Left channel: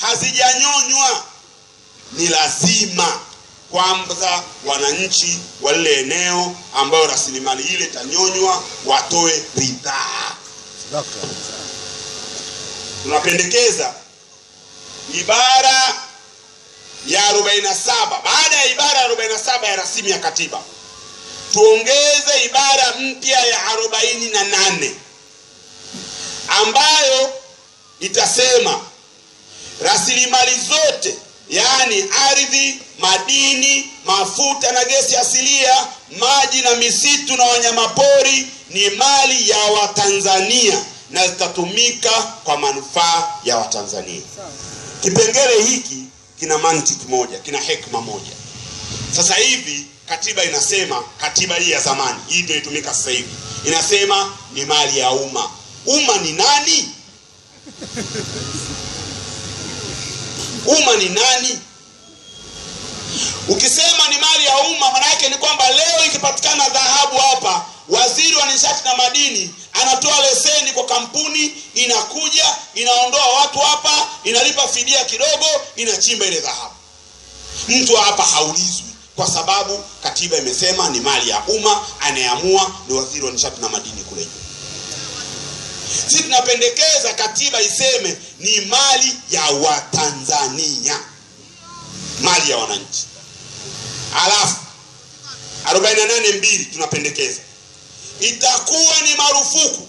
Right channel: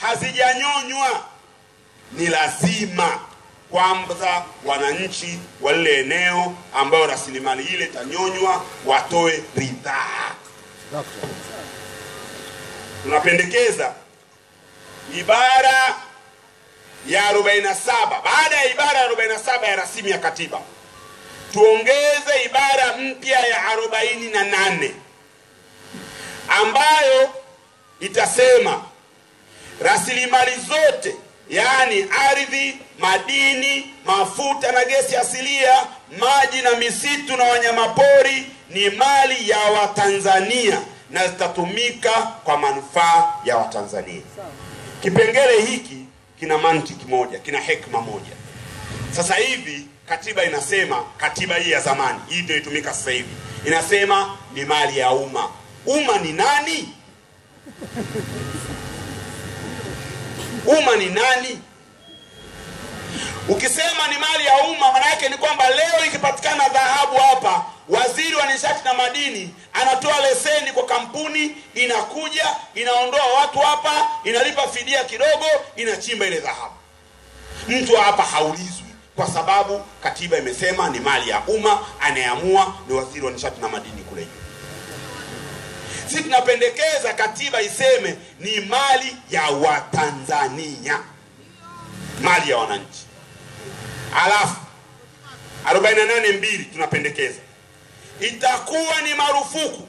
hazijanyonywa, ni lazima kwamba wananchi wa lile eneo ambao rasilimali ile itanyonywa watoe ridhaa. Tunapendekeza ibara ya 47, baada ya ibara ya 47 ya rasimu ya katiba, tuongeze ibara mpya ya 48 ambayo itasema rasilimali zote, yaani ardhi, madini, mafuta na gesi asilia, maji na misitu na wanyamapori ni mali ya Watanzania na zitatumika kwa manufaa ya Watanzania. Kipengele hiki kina mantiki moja, kina hekima moja. Sasa hivi katiba inasema, katiba hii ya zamani, hii ndio itumika sasa hivi, inasema ni mali ya umma. Umma ni nani? Umma ni nani? Ukisema ni mali ya umma, maana yake ni kwamba leo ikipatikana dhahabu hapa, waziri wa nishati na madini anatoa leseni kwa kampuni, inakuja, inaondoa watu hapa, inalipa fidia kidogo, inachimba ile dhahabu. Mtu hapa haulizwi, kwa sababu katiba imesema ni mali ya umma, anayeamua ni waziri wa nishati na madini kule juu. Sisi tunapendekeza katiba iseme ni mali ya Watanzania, mali ya wananchi. Alafu 48(2) tunapendekeza itakuwa ni marufuku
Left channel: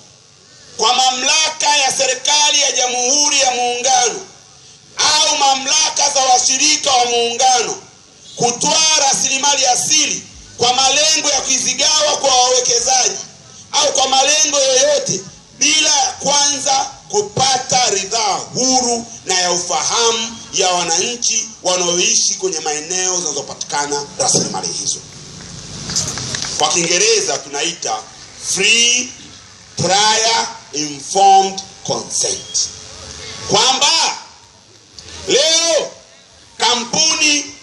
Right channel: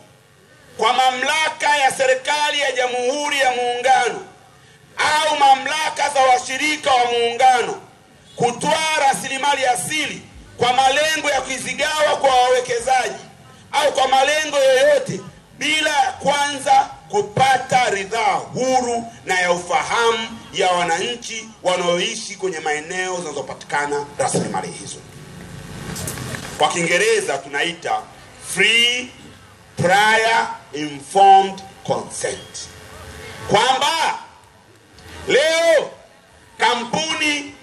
kwa mamlaka ya serikali ya Jamhuri ya Muungano au mamlaka za washirika wa muungano kutoa rasilimali asili kwa malengo ya kuzigawa kwa wawekezaji au kwa malengo yoyote bila kwanza kupata ridhaa huru na ya ufahamu ya wananchi wanaoishi kwenye maeneo zinazopatikana rasilimali hizo. Kwa Kiingereza tunaita free prior informed consent. Kwamba leo kampuni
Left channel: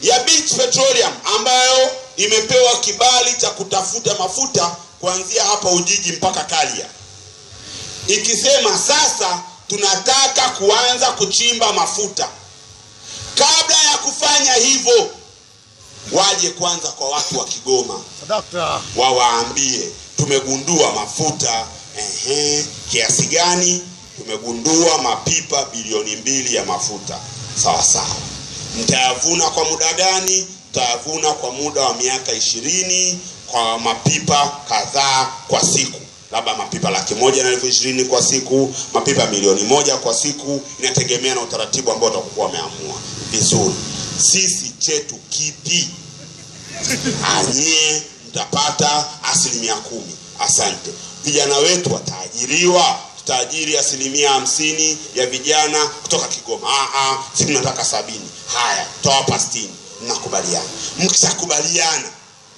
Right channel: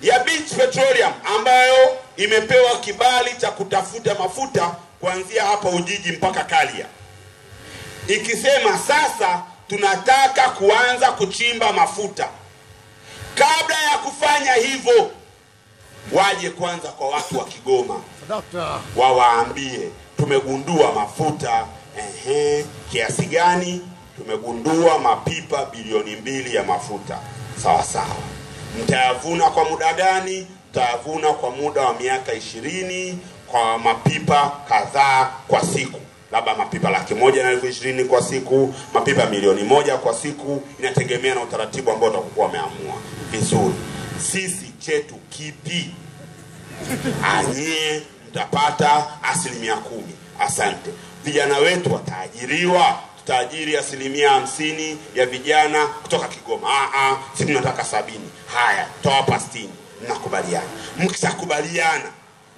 ya Beach Petroleum ambayo imepewa kibali cha kutafuta mafuta kuanzia hapa Ujiji mpaka Kalia, ikisema sasa tunataka kuanza kuchimba mafuta, kabla ya kufanya hivyo waje kwanza kwa watu wa Kigoma, wawaambie tumegundua mafuta kiasi gani, tumegundua mapipa bilioni 2 ya mafuta. Sawa sawa, mtayavuna kwa muda gani? Mtayavuna kwa muda wa miaka 20 kwa mapipa kadhaa kwa siku, labda mapipa 120,000 kwa siku, mapipa 1,000,000 kwa siku, inategemea na utaratibu ambao utakuwa umeamua. Vizuri, sisi chetu kipi? Anye mtapata 10%. Asante. Vijana wetu wataajiriwa, tutaajiri 50% ya vijana kutoka Kigoma. Sisi tunataka 70. Haya, toa 60. Mnakubaliana. Mkishakubaliana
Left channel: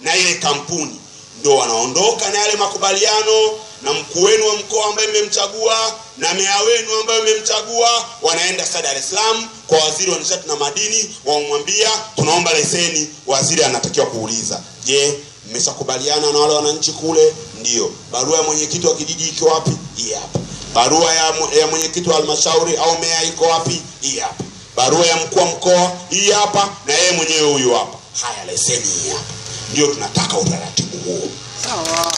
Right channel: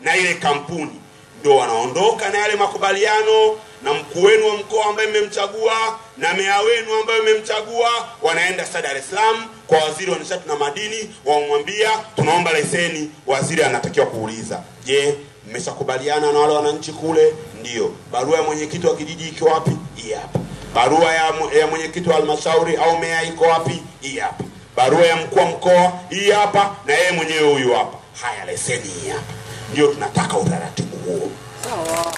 na ile kampuni, ndio wanaondoka na yale makubaliano, na mkuu wenu wa mkoa ambaye mmemchagua na meya wenu ambaye mmemchagua wanaenda Dar es Salaam kwa waziri wa nishati na madini, wamwambia tunaomba leseni. Waziri anatakiwa kuuliza, je, mmeshakubaliana na wale wananchi kule? Ndio. Barua ya mwenyekiti wa kijiji iko wapi? Hii hapa. Barua ya mwenyekiti wa halmashauri au meya iko wapi? Hii hapa. Barua ya mkuu wa mkoa hii hapa, na yeye mwenyewe huyu hapa. Haya, leseni hii hapa. Ndio tunataka utaratibu huo. Sawa.